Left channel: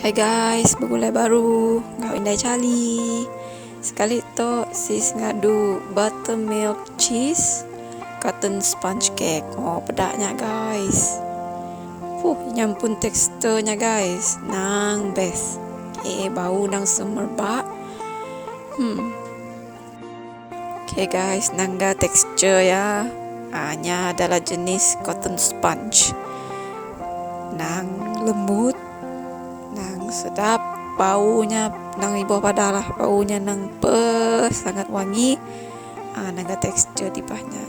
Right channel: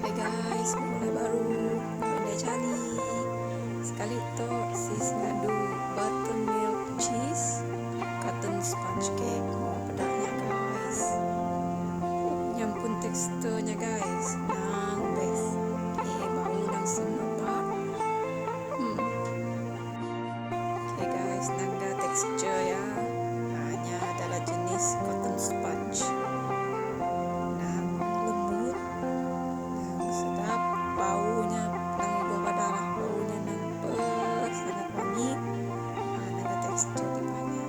Hai guys, begulai baru ngawin dari Cali. Sekali to sis ngadu buttermilk cheese cotton sponge cake. Oh, pedaknya guys. Nyampun teksturnya guys. Nang best. Bau nang semerbak. Guys, nangga tekstur ya. Hanya adalah jenis cotton sponge. Nang lembut, sedap, baunya nang ibu padalah, baunya nang sangat wangi. Nangga tekstur tipahnya.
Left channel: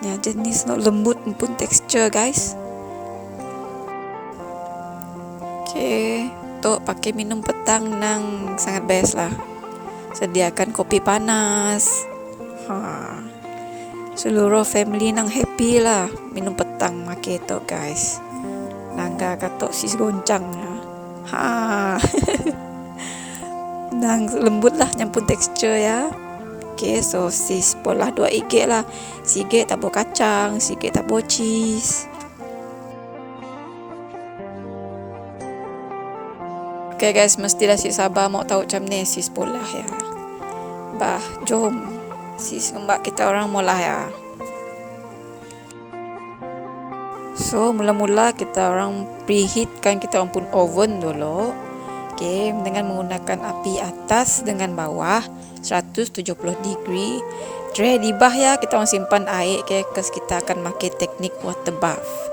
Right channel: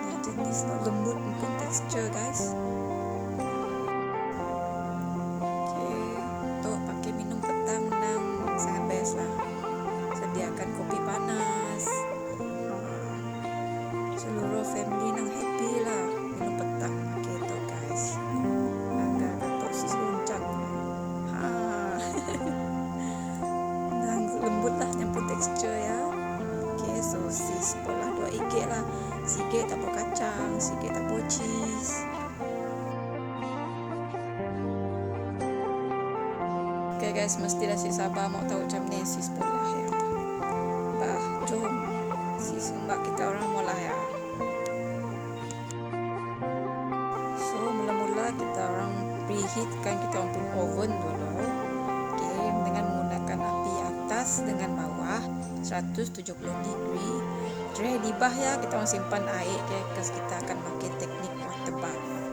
Ya jenis no lembut pun tekstur guys. Tuh pakai minum petang nang sangat best lah. Sediakan kopi panas. Seluruh family nang happy lah minum petang make to guys. Nangga katok sis goncangnya. Nang lembut lah nyampun tekstur ya. Sosis pola 2 IG lah. Sige tabo kacang, sige tabo cheese. Guys, mestilah sis sabar mau tahu macam ni sis pola ya. Jom sis mbak kita orang mula ya. So mula-mula kita orang preheatkan kita orang pun oven dulu. Dengan menggunakan api atas dengan bawah 170 degree. Tray di bawah ya, kita orang simpan air kes kita akan pakai teknik water bath.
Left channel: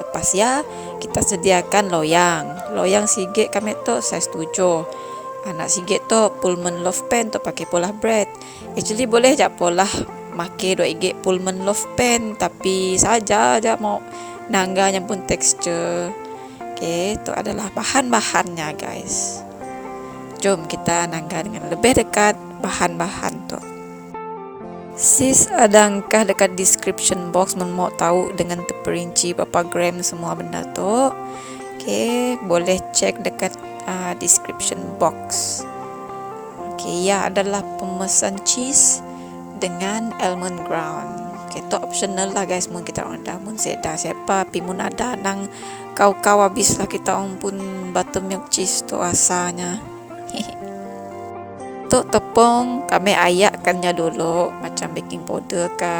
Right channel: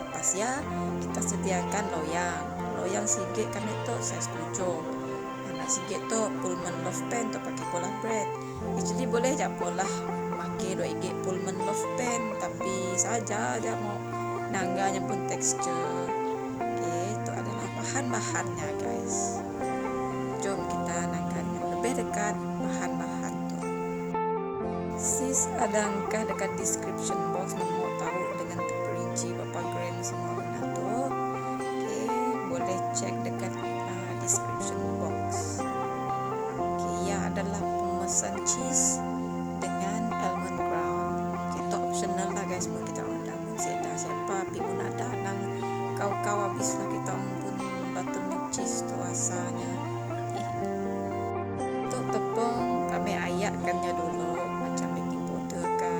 Lepas ya, kita sediakan loyang. Loyang sige kami tu size 7. Anak sige tu Pullman loaf pan tu pakai pola bread. Actually boleh je pola pakai 2 IG Pullman loaf pan, tapi saja mau nangganya pun tekstur. Itu adalah bahan-bahannya guys. Jom kita nangga dengan lebih dekat bahan-bahan tu. Sis ada angka dekat description box mau tahu dengan terperinci berapa gram semua benda tu. Boleh cek dekat description box. Ya adalah pemesan cheese dengan almond ground. Itu optional lah guys, mun kita orang dah mun seda siapa pi mun ada nang kau habis lah kita orang pun buttermilk cheese tu asalnya. Untuk tepung kami ayakkannya dulu macam baking powder ke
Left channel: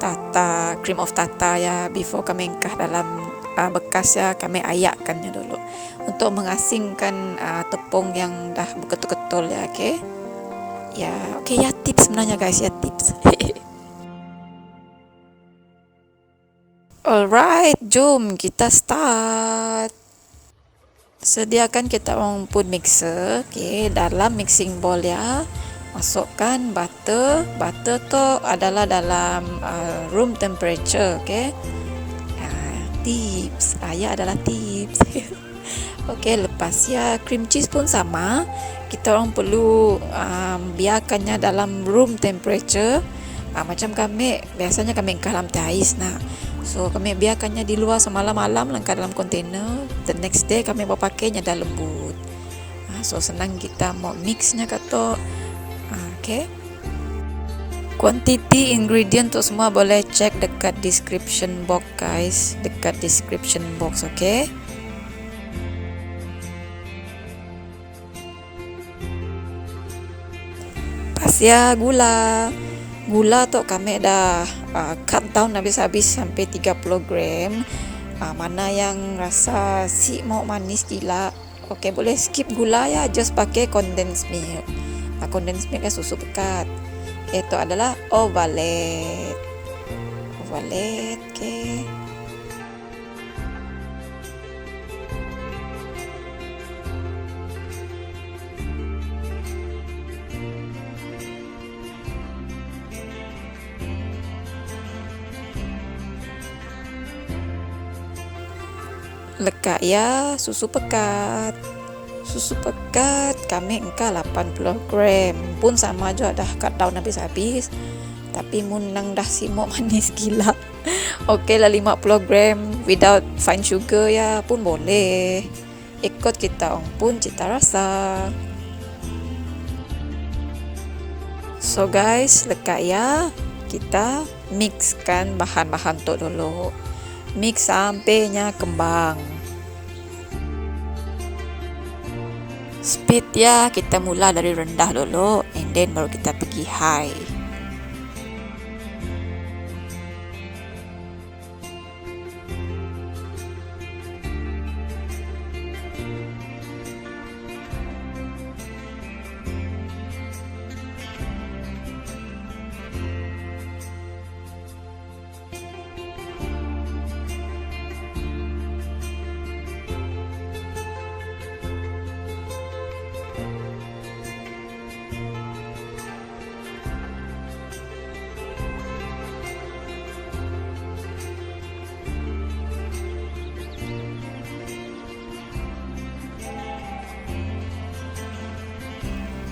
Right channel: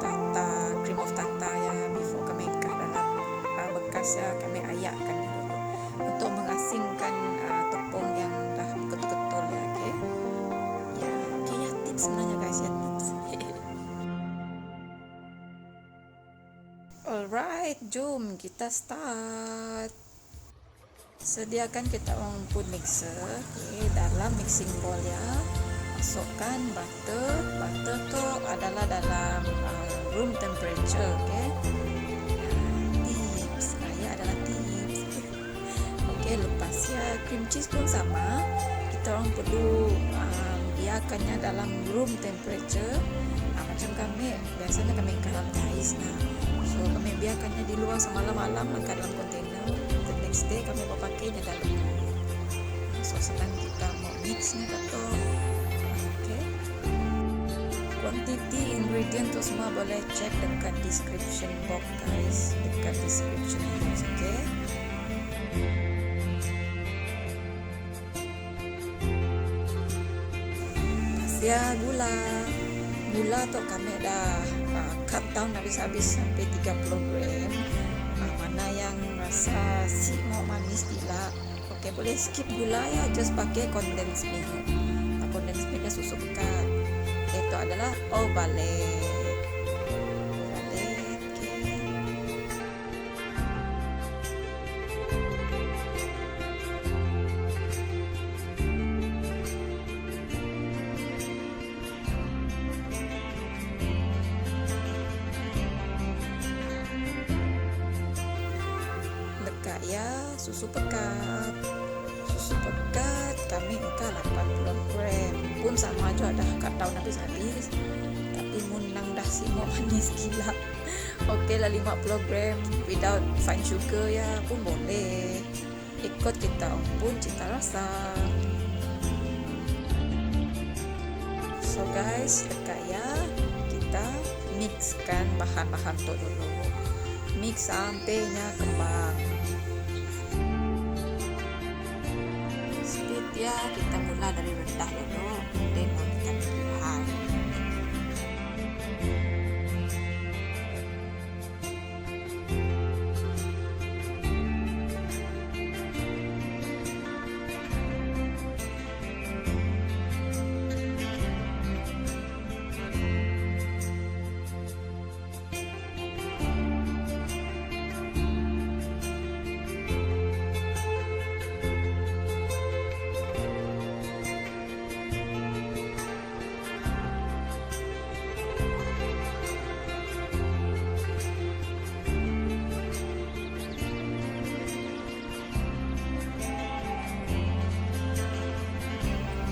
tata, cream of tata ya, before kami ingkah dalam bekas ya, kami ayakkannya dulu untuk mengasingkan tepung yang dah betul-betul ya. Ya tips sebenarnya guys, ya tips. Alright, jom kita start. Sediakan kita orang pun mixer. Dalam mixing bowl ya, masukkan butter. Butter tu adalah dalam room temperature. Tips, adalah tips. Lepas ya, cream cheese pun sama. Kita orang perlu biarkannya dalam room temperature. Macam kami biasanya kami ingkar dalam teh ais. So kami biarkannya di luar semalam-malam, langkah dalam kontainer. The next day kami bawa pakainya dah lembut. So senang kita mau mixnya kata. Quantity ingredient tu semua boleh cek dekat description box guys, dekat description box. Pas ya gula tu kami dah cut down habis-habis sampai 30 gram. Mana yang rasa si mau manis gila, boleh skip gula ya, just pakai condensed milk. Condensed milk kan susu pekat. Itu adalah ovalet. Lekat ya susu pekat kami engkau 80 gram pun sama juga dah cut down habis-habis, tapi mun nang dah si mau manis gila lah 50 gram without fine sugar ya pun boleh, ikut kita pun cita rasa. So guys, lekat ya, kita mixkan bahan-bahan tu dulu. Mix sampainya kembang. Speed ya, kita mula dari rendah dulu, and then baru kita pergi high.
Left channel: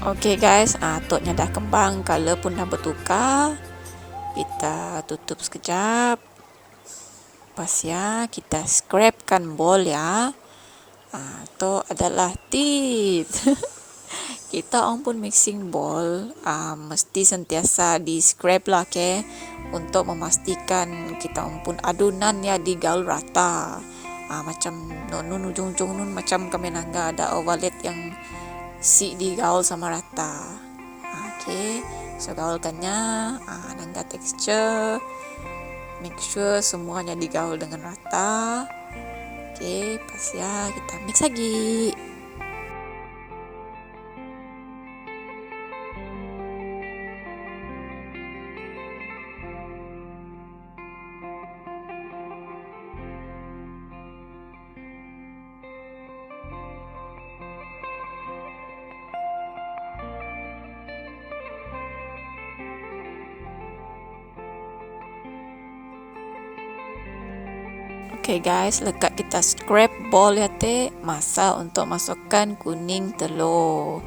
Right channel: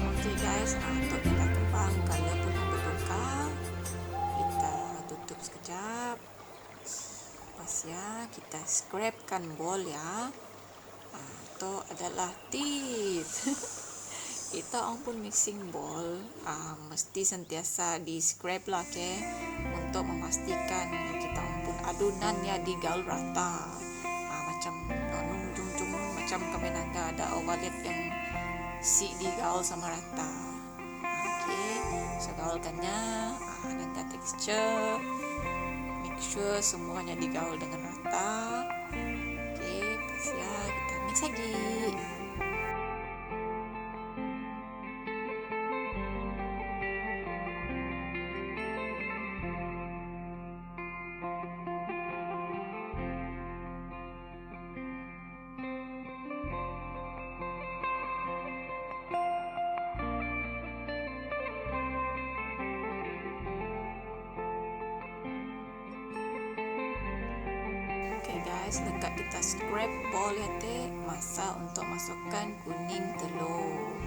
Oke guys, toknya dah kembang, color pun dah bertukar. Kita tutup sekejap. Lepas ya, kita scrapekan ball ya. Itu adalah tip. Kita orang pun mixing ball, mesti sentiasa di scrape lah, okay? Untuk memastikan kita orang pun adunan ya digaul rata. Macam nun ujung-ujung nun macam kami nangga ada ovalet yang si digaul sama rata. Okay, so gaulkannya, nangga texture, make sure semuanya digaul dengan rata. Okay, pas ya kita mix lagi. Okay guys, lekat kita scrape ball ya teh, masa untuk masukkan kuning telur.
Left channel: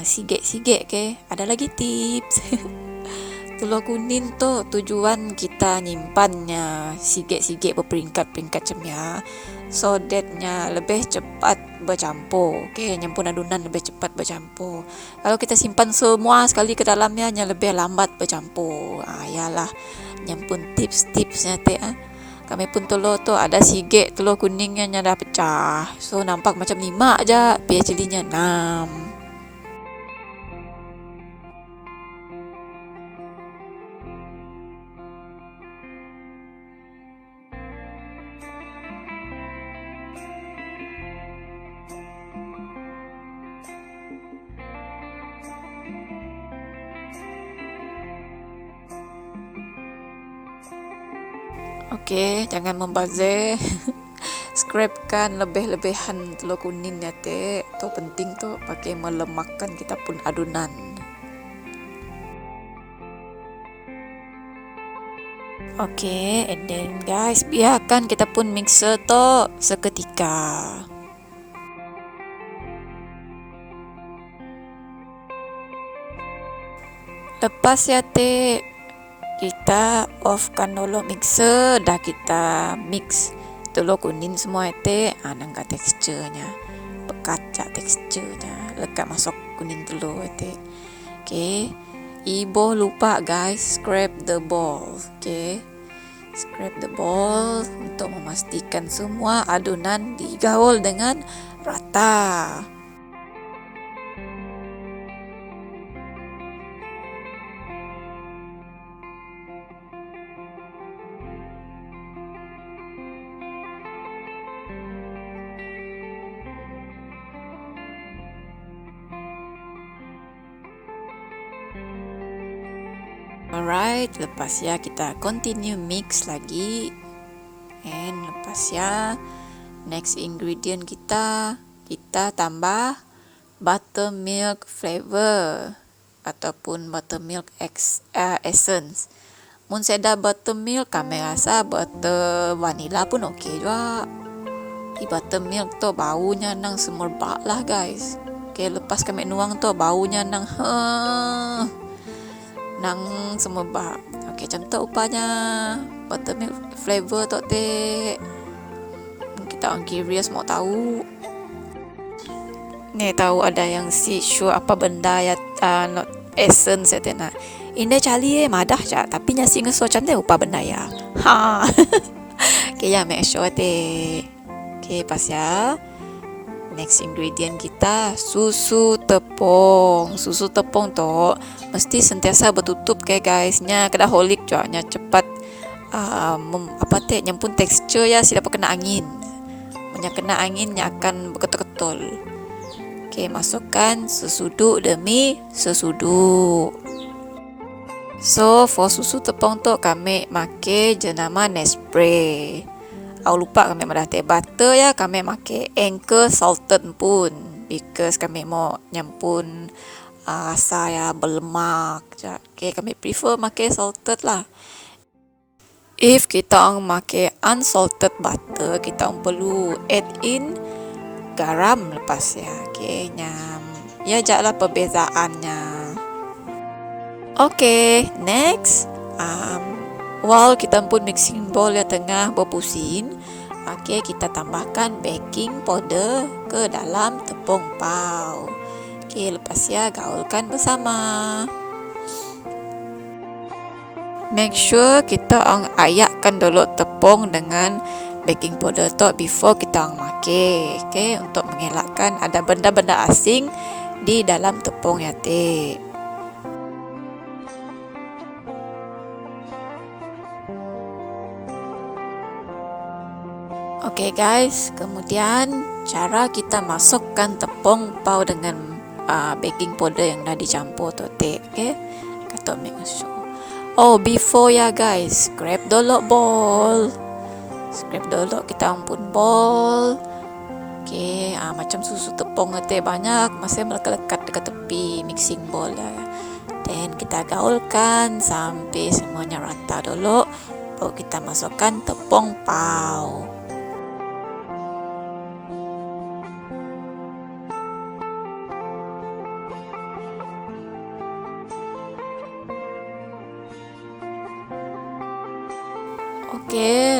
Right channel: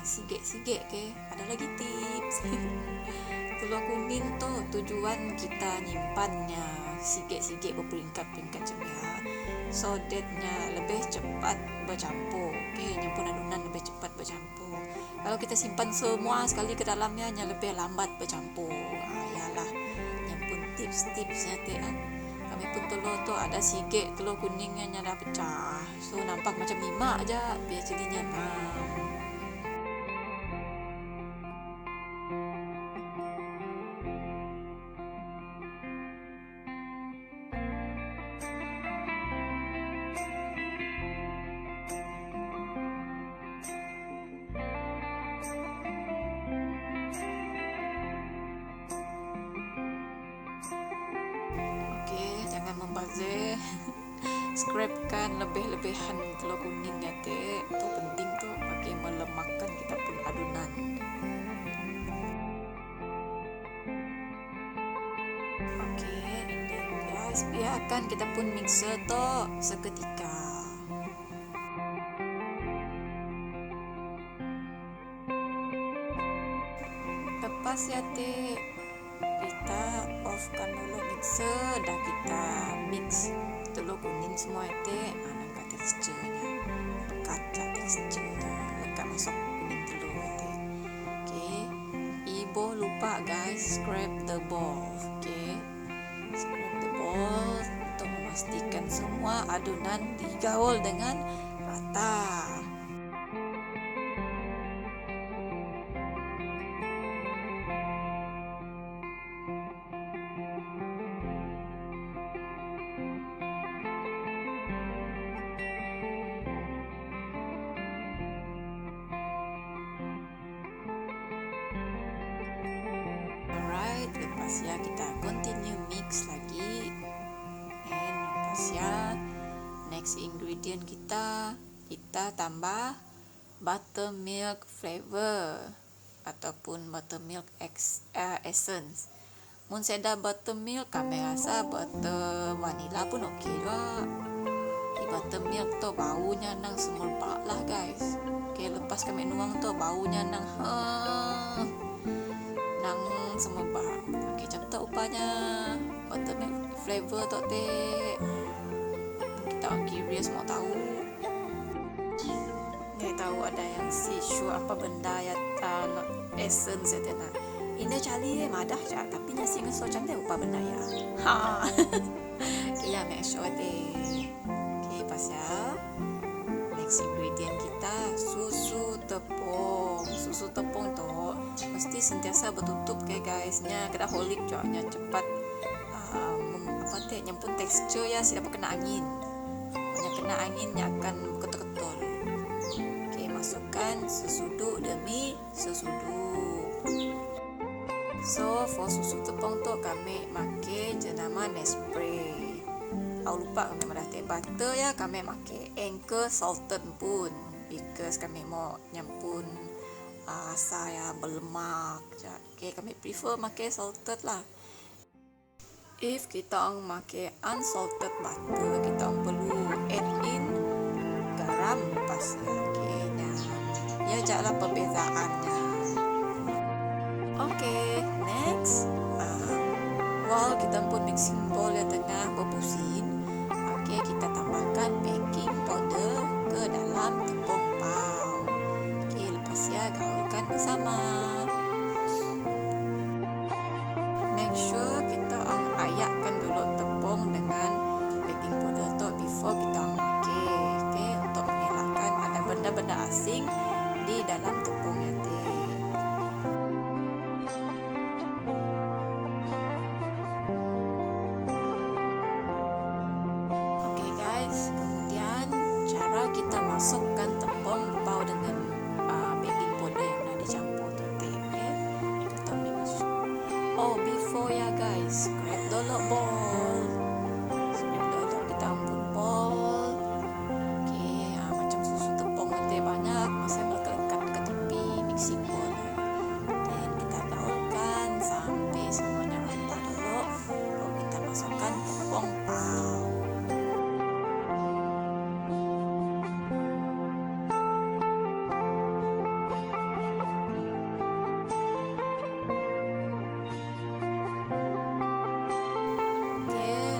Sigit-sigit ke. Ada lagi tips. Telur kuning tu tujuan kita nyimpannya sigit-sigit berperingkat-peringkat macam ya. So thatnya lebih cepat bercampur. Okay, nyampun adunan lebih cepat bercampur. Kalau kita simpan semua sekali ke dalamnya, lebih lambat bercampur. Yalah, nyampun tips-tipsnya teh. Kami pun telur tu ada sigit telur kuningnya dah pecah. So nampak macam 5 aja, tapi actually-nya 6. Okey, jangan membazir. Scrapekan lebih-lebihan telur kuning ya teh. Tu penting tu, pakai melemahkan kita pun adunan. Okey, and then guys, biarkan kita pun mixer tu seketika. Lepas ya teh, kita offkan dulu mixer, dah kita mix telur kuning semua teh, nangka teksturnya, bekacak teksturnya, lekat masuk kuning telur teh. Okay, ibu lupa guys, scrape the ball. Okay, scrape the ball untuk memastikan semua adunan digaul dengan rata. Alright, lepas ya kita continue mix lagi. And lepas ya, next ingredient kita tambah buttermilk flavor ataupun buttermilk essence. Mun seda buttermilk, kami rasa butter vanilla pun okey juga. Buttermilk tu baunya nang semerbak lah guys. Okay, lepas kami nuang tu baunya nang semerbak. Okey, macam tu rupanya buttermilk flavor tu teh. Kita orang curious mau tahu. Ni tahu ada yang si sure apa benda ya not essence ya nak. Ini cari madah je, tapi nyasi ngeso cantik apa benda ya. Okey ya, make sure teh. Okey, pas ya. next ingredient kita susu tepung. Susu tepung tu mesti sentiasa bertutup guysnya, kena holik jualnya cepat nyampun tekstur ya, si dapat kena angin. Banyak kena anginnya akan berketul-ketul. Masukkan sesudu demi sesudu. So for susu tepung tu kami make jenama Nespresso. Lupa kami madah teh butter ya, kami make Anchor salted pun because kami mau nyampun rasa ya berlemak. Kami prefer make salted lah. If kita make unsalted butter, kita perlu add in garam lepas ya. Ya jaklah perbezaannya. Next. While kita pun mixing bowl yang tengah berpusing, kita tambahkan baking powder ke dalam tepung pau. Lepas ya gaulkan bersama. Make sure kita ayakkan dulu tepung dengan baking powder tu before kita make. Untuk mengelakkan ada benda-benda asing di dalam tepung ya teh. Guys, kemudian cara kita masukkan tepung pau dengan baking powder yang dah dicampur tu teh. Kita make sure. Before ya guys, scrape dulu bowl. Scrape dulu kita ampun bowl. Macam susu tepung teh banyak masih melekat dekat tepi mixing bowl lah. Dan kita gaulkan sampai semuanya rata dulu. Baru kita masukkan tepung pau.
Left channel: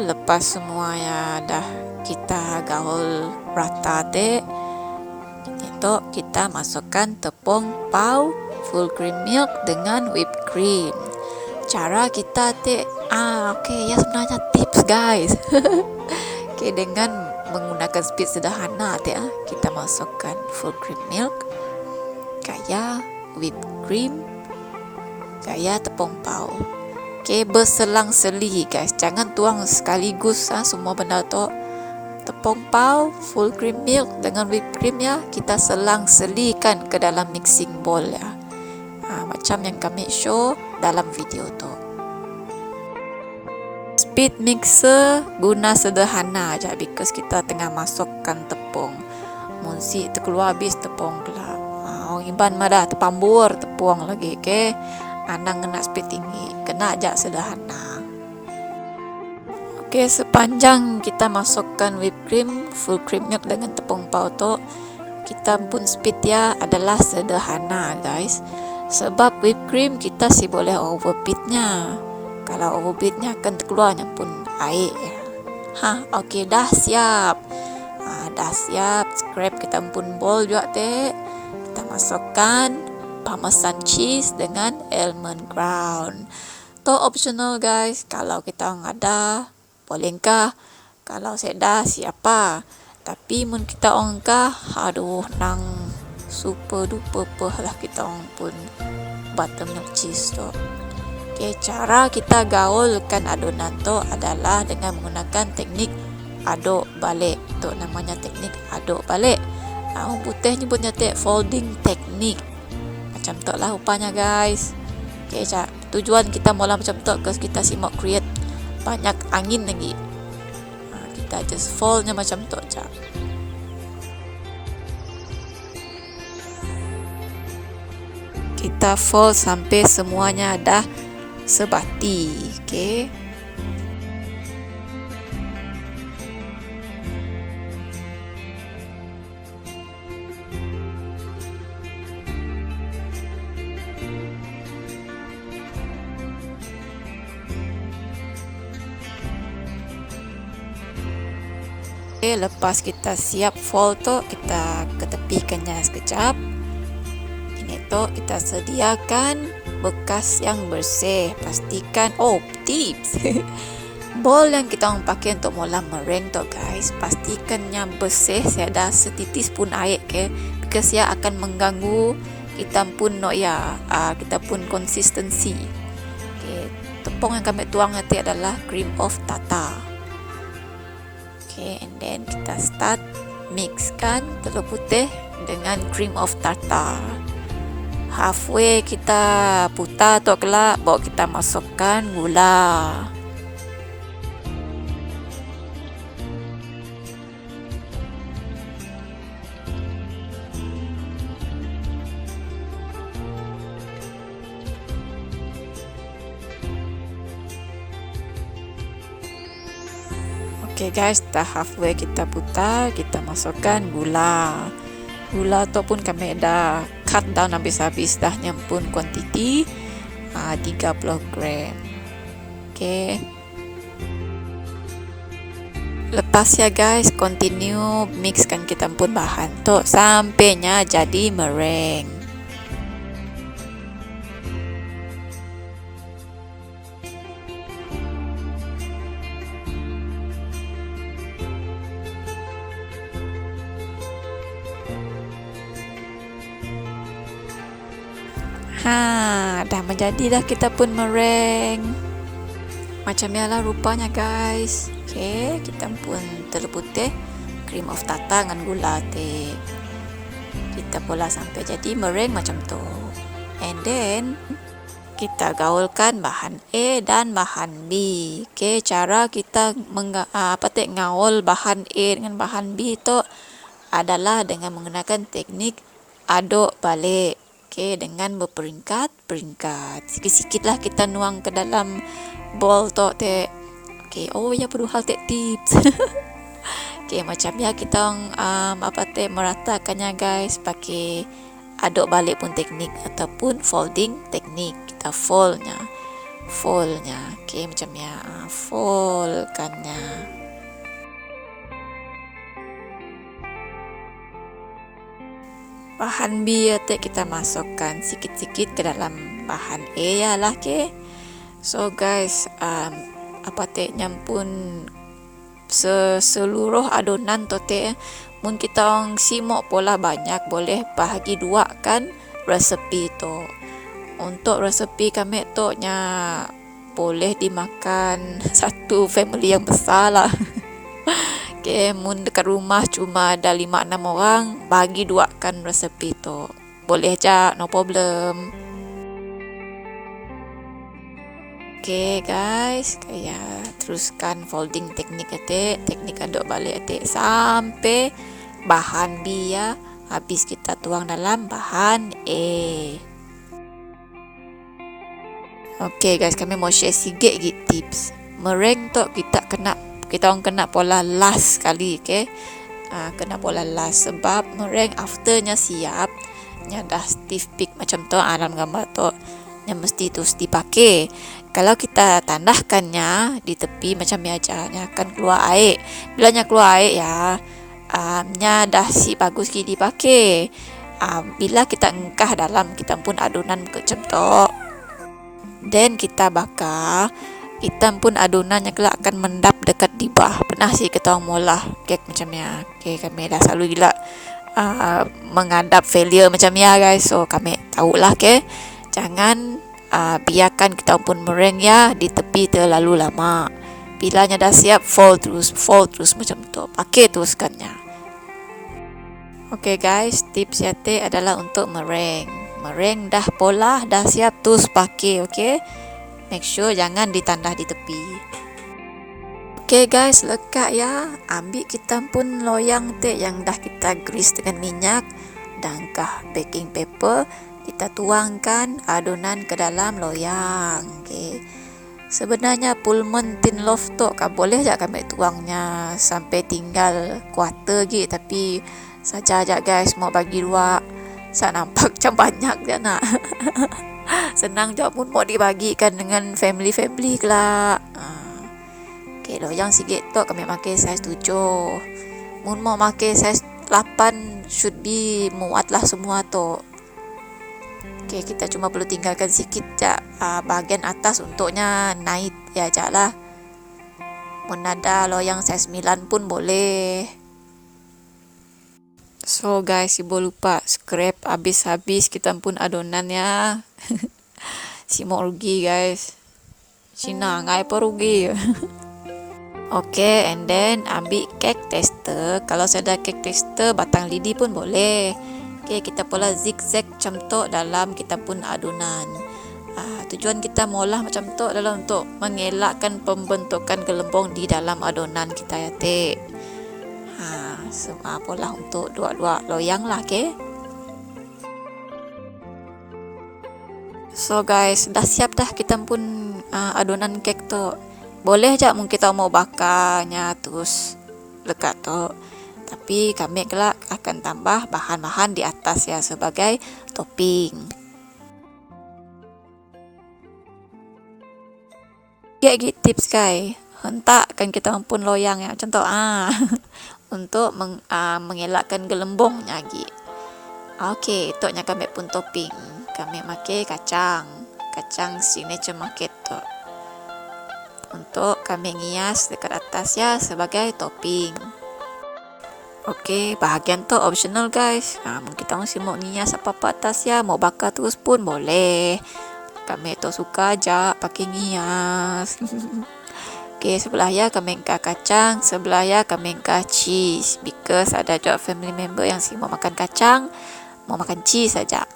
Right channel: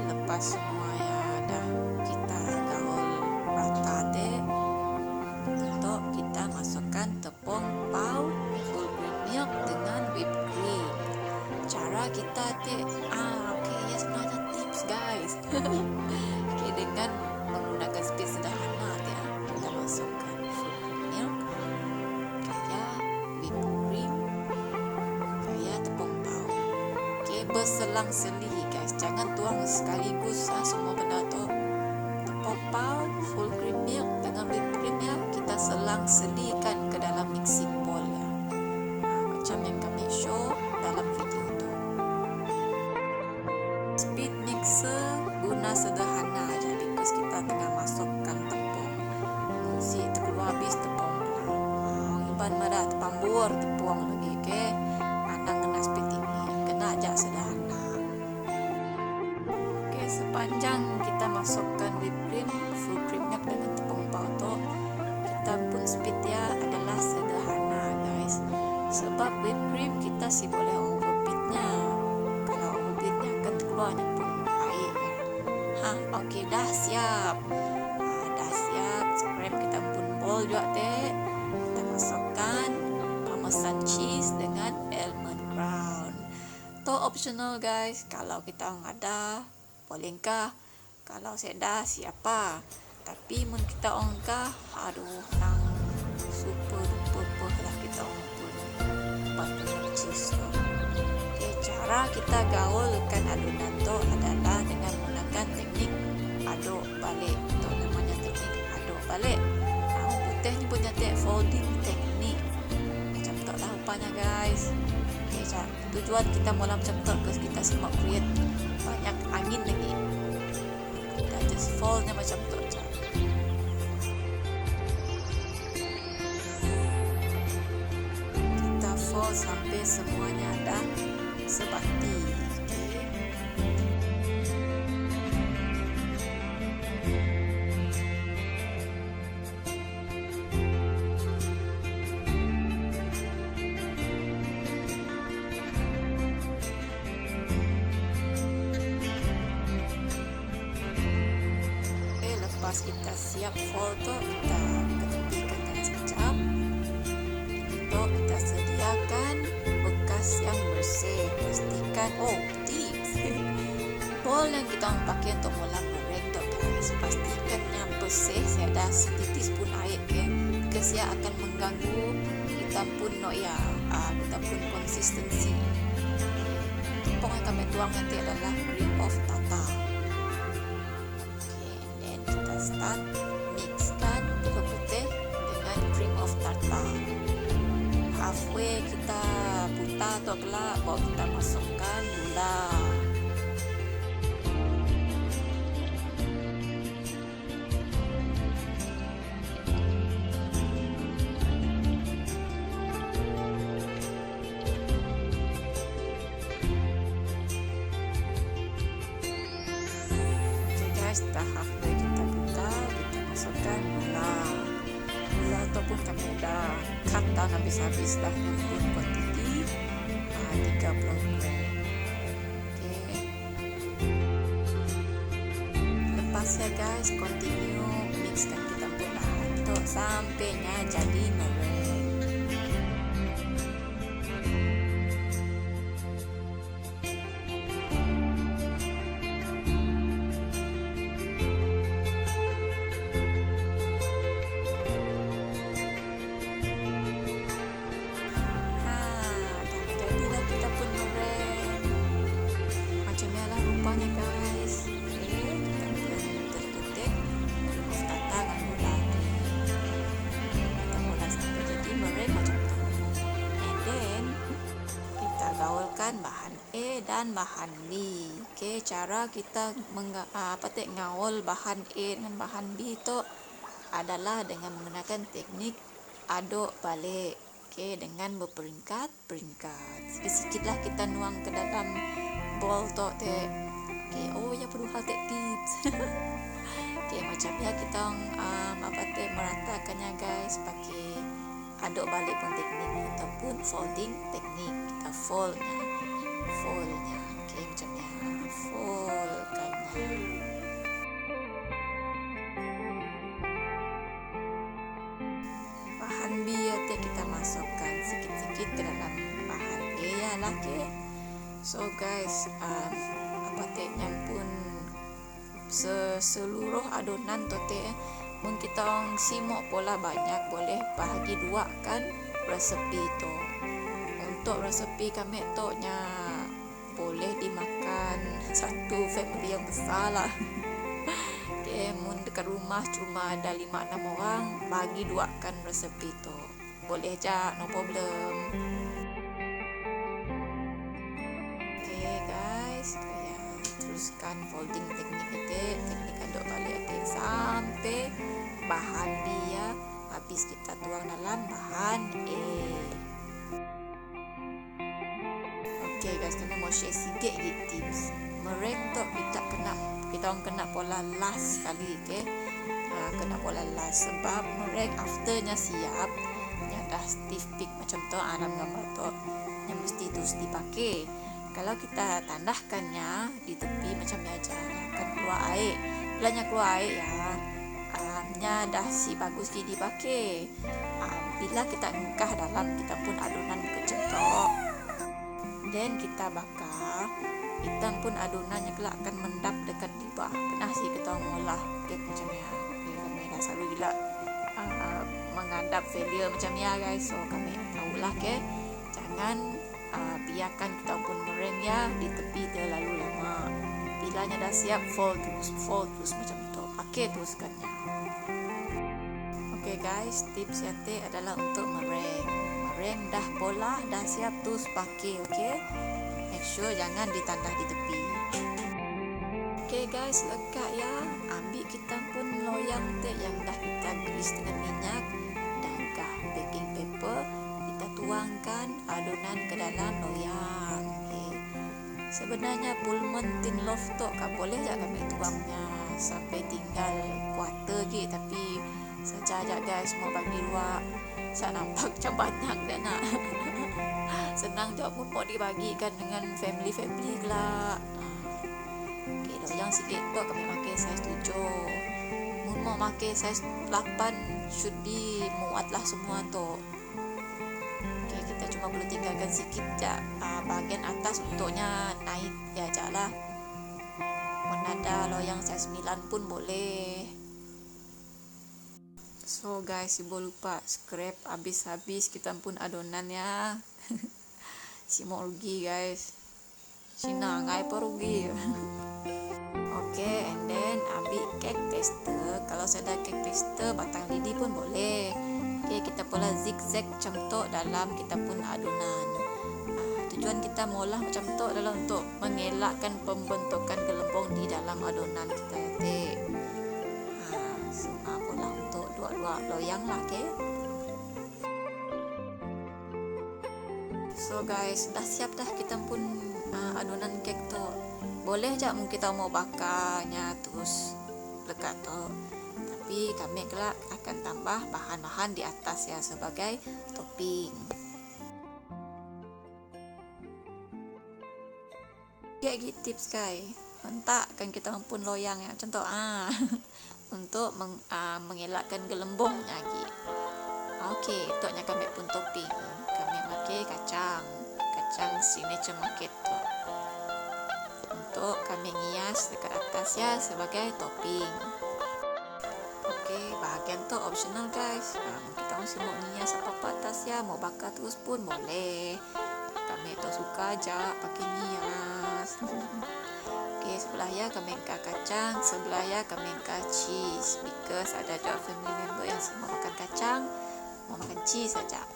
Lepas semua ya dah kita gaul rata deh, itu kita masukkan tepung pau full cream milk dengan whipped cream. Cara kita ya sebenarnya tips guys. Dengan menggunakan speed sederhana kita masukkan full cream milk, gaya whipped cream, gaya tepung pau. Berselang-seli guys, jangan tuang sekaligus semua benda tu. Tepung pau, full cream milk dengan whipped cream ya, kita selang-selikan ke dalam mixing bowl ya. Macam yang kami show dalam video tu. Speed mixer guna sederhana aja because kita tengah masukkan tepung. Munsi terkeluar habis tepung lah. Iban madah terpambur tepung lagi Anang kena speed tinggi, kena aja sederhana. Sepanjang kita masukkan whipped cream, full cream milk dengan tepung pau tu, kita pun speed ya adalah sederhana guys. Sebab whipped cream kita boleh overbeatnya. Kalau overbeatnya akan terkeluarnya pun air. Dah siap. Dah siap. Scrape kita pun bowl juga teh. Kita masukkan Parmesan cheese dengan almond ground. To optional guys, kalau kita ada bolehkah, kalau saya siapa. Tapi mun kita nang super duper lah kita pun buttermilk cheese tu. Cara kita gaulkan adonan tu adalah dengan menggunakan teknik aduk balik. Tu namanya teknik aduk balik. Orang putih nyebutnya folding technique. Macam tu lah rupanya guys. Tujuan kita mula macam tu because kita mau create banyak angin lagi. Kita just foldnya macam tu je. Kita fold sampai semuanya dah sebati. Lepas kita siap fold tu, kita ketepikannya sekejap. Ini tu kita sediakan bekas yang bersih. Pastikan tips Bowl yang kita orang pakai untuk mula meringue tu guys, pastikannya bersih, saya ada setitis pun air because ia akan mengganggu kita pun kita pun konsistensi. Tepung yang kami tuang nanti adalah cream of tartar. And then kita start mixkan telur putih dengan cream of tartar. Halfway kita putar tu kelak, baru kita masukkan gula. Okay guys, dah halfway kita putar, kita masukkan gula. Gula tu pun kami dah cut down habis-habis dah, nyampun kuantiti 30 gram. Okay. Lepas ya guys, continue mixkan kita pun bahan tu sampainya jadi meringue. Dah menjadi dah kita pun meringue. Macam ni lah rupanya guys. Okay, kita pun telur putih, cream of tartar dengan gula teh. Kita pola sampai jadi meringue macam tu. And then kita gaulkan bahan A dan bahan B. Okay, cara kita ngaul bahan A dengan bahan B tu adalah dengan menggunakan teknik aduk balik. Okay, dengan berperingkat-peringkat. Sikit-sikit lah kita nuang ke dalam bowl tu teh. Okay, perlu hal tips. Okay, macam ya kita meratakannya guys pakai aduk balik pun teknik ataupun folding teknik. Kita foldnya. Okay, macam ya, foldkannya. Bahan B kita masukkan sikit-sikit ke dalam bahan A lah. Okay. So guys, nyampun seluruh adonan tu mun kita orang simok pola banyak, boleh bahagi dua kan resepi tu. Untuk resepi kami tu boleh dimakan satu family yang besar lah. Okay, mun dekat rumah cuma ada 5-6 orang, bagi duakan resepi tu. Boleh aja, no problem. Okay guys, teruskan folding teknik teknik aduk balik sampai bahan B ya habis kita tuang dalam bahan A. Okay guys, kami mau share sikit tips. Meringue tu kita orang kena pola last sekali, okay? Kena pola last sebab meringue afternya siap, dah stiff peak macam tu dalam gambar tu, mesti terus dipakai. Kalau kita tandahkannya di tepi macam ni aja, akan keluar air. Bila keluar air dah si bagus kita dipakai. Bila kita engkah dalam kita pun adonan macam tu, then kita bakar, kita pun adonannya kelak akan mendap dekat di bawah. Pernah sih kita orang mula kek macam ni. Okay, kami dah selalu gila menghadap failure macam ni guys. So kami tahulah, okay, jangan biarkan kita pun meringue di tepi terlalu lama. Bilanya dah siap, fold terus macam tu. Pakai teruskannya. Okay guys, tips adalah untuk meringue. Meringue dah pola, dah siap, terus pakai, okay. Make sure jangan ditandah di tepi. Okay guys, lekat ya. Ambil kita pun loyang yang dah kita grease dengan minyak dan baking paper. Kita tuangkan adonan ke dalam loyang. Okay. Sebenarnya Pullman tin loaf tu boleh je kami tuangnya sampai tinggal kuarter gitu, tapi saja aja guys mau bagi dua. Saya nampak macam banyak je nak. Senang je pun mau dibagikan dengan family kelak. Okay, loyang sikit tu kami pakai saiz 7. Mun mau pakai saiz 8 should be muat lah semua tu. Okay, kita cuma perlu tinggalkan sikit je bahagian atas untuknya naik ya je lah. Menada loyang size 9 pun boleh. So guys, ibu lupa scrap habis-habis kita pun adonan ya. Si mau rugi guys. Cina ngai apa rugi. Oke, and then ambil cake tester. Kalau saya ada cake tester, batang lidi pun boleh. Oke, kita pula zigzag macam tu dalam kita pun adonan. Tujuan kita maulah macam tu adalah untuk mengelakkan pembentukan gelembung di dalam adonan kita ya teh. Semua pula untuk dua-dua loyang lah, okay? So guys, dah siap dah kita pun adonan kek tu. Boleh je mungkin kita mau bakarnya terus lekat tu. Tapi kami kelak akan tambah bahan-bahan di atas ya sebagai topping. Gigi tips guys, hentakkan kita pun loyang ya macam tu untuk mengelakkan gelembungnya lagi. Okey, itu nya kami pun topping. Kami pakai kacang signature market tu. Untuk kami ngias dekat atas ya sebagai topping. Okey, bahagian tu optional guys. Mungkin kita masih mau ngias apa-apa atas ya, mau bakar terus pun boleh. Kami tu suka aja pakai ngias. Okey, sebelah ya kami engkau kacang, sebelah ya kami engkau cheese. Because ada juga family member yang si mau makan kacang, mau makan cheese saja.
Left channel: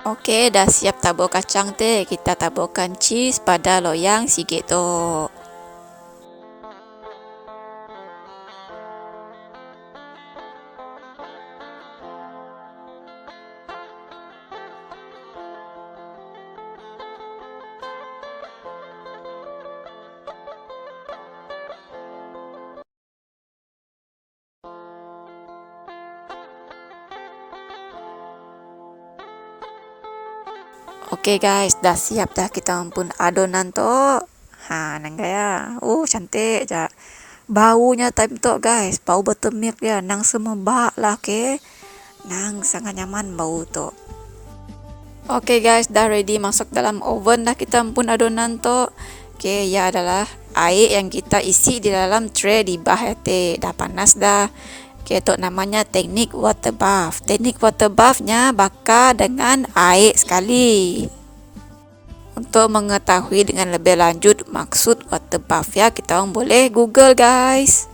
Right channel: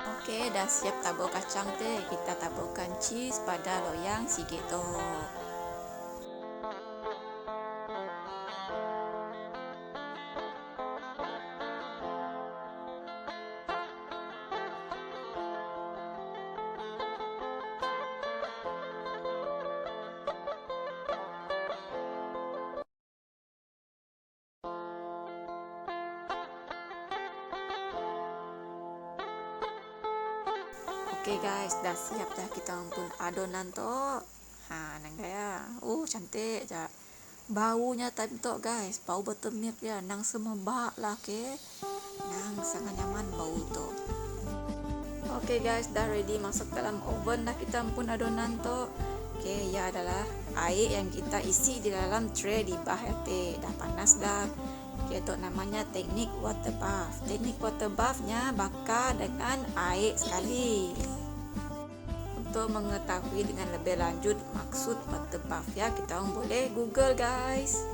Okey, dah siap tabur kacang teh. Kita taburkan cheese pada loyang sikit tu. Okey guys, dah siap dah kita pun adonan tu. Nang gaya. Cantik je. Baunya time tu guys, bau buttermilk dia. Nang semebak lah, okey. Nang sangat nyaman bau tu. Okey guys, dah ready masuk dalam oven dah kita pun adonan tu. Okey, ya adalah air yang kita isi di dalam tray di bawah teh. Dah panas dah. Okay, itu namanya teknik water bath. Teknik water bathnya bakar dengan air sekali. Untuk mengetahui dengan lebih lanjut maksud water bath ya, kita orang boleh Google guys.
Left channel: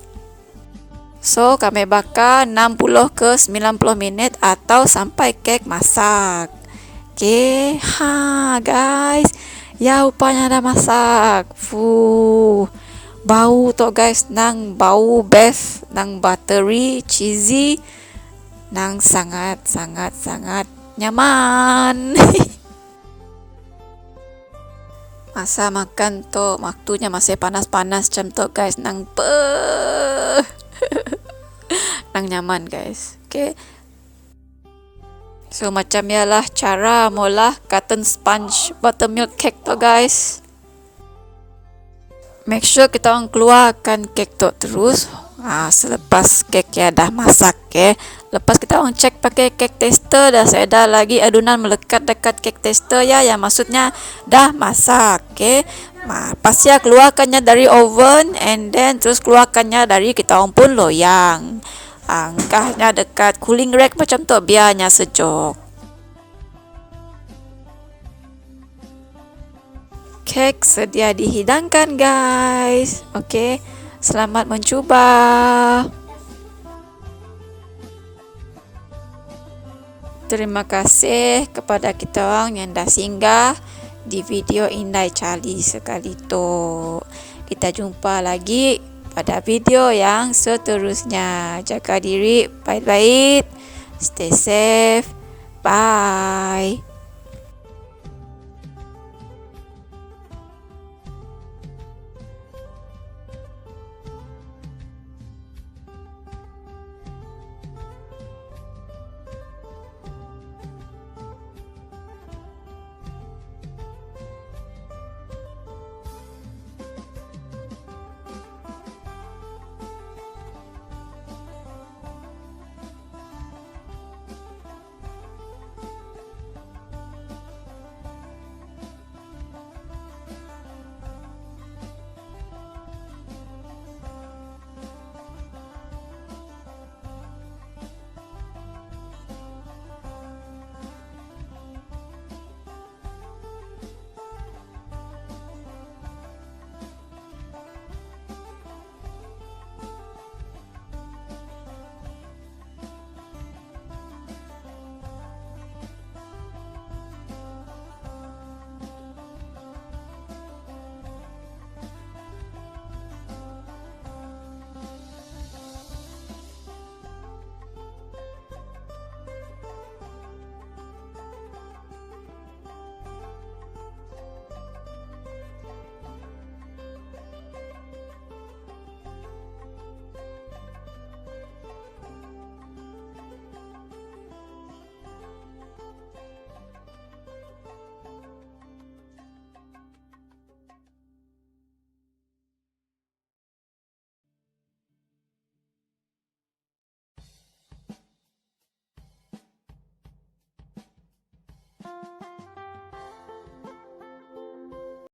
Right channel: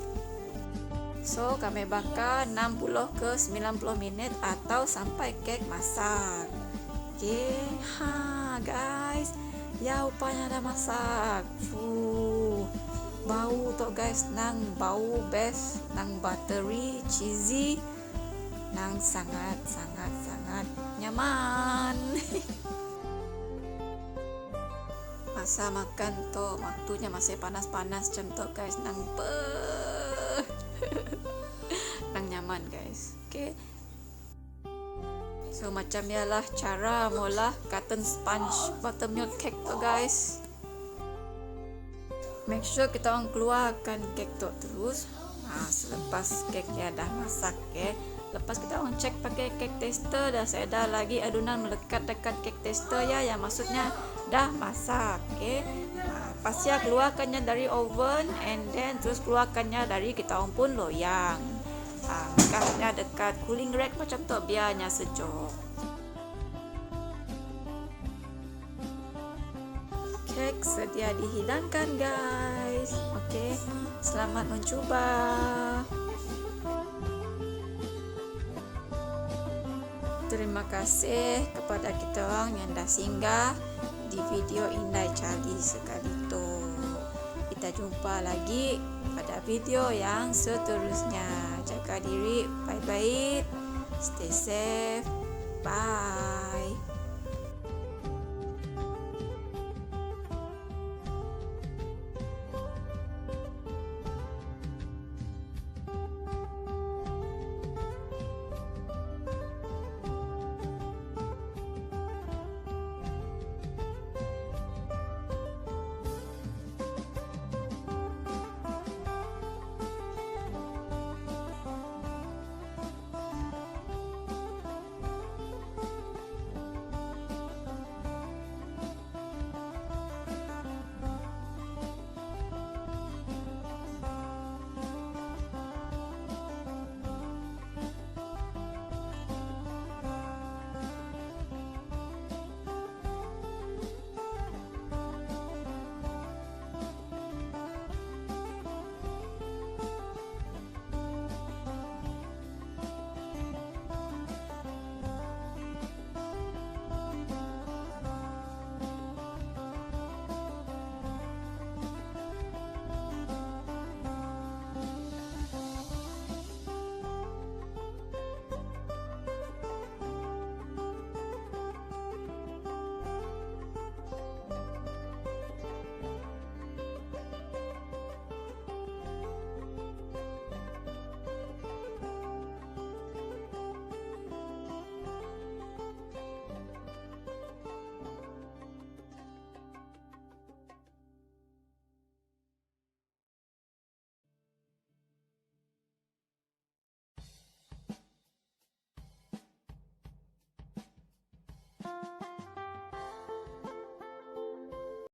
So, kami bakar 60 ke 90 minit atau sampai kek masak. Okay, guys. Ya, rupanya dah masak. Bau tu guys, nang bau best, nang buttery, cheesy, nang sangat nyaman. Masa makan tu waktunya masih panas-panas macam tu guys, nang nang nyaman guys. Okay. So macam ialah cara mula cotton sponge buttermilk cake tu guys. Make sure kita orang keluarkan kek tu terus selepas kek ya dah masak. Lepas kita orang cek pakai kek tester, dah saya dah lagi adonan melekat dekat kek tester ya, yang maksudnya dah masak. Pas ya keluarkannya dari oven and then terus keluarkannya dari kita orang pun loyang. Angkahnya dekat cooling rack macam tu biarnya sejuk. Kek sedia dihidangkan guys. Okey, selamat mencuba. Terima kasih kepada kita orang yang dah singgah di video Indai Cali sekali tu. Kita jumpa lagi pada video yang seterusnya. Jaga diri baik-baik. Stay safe. Bye.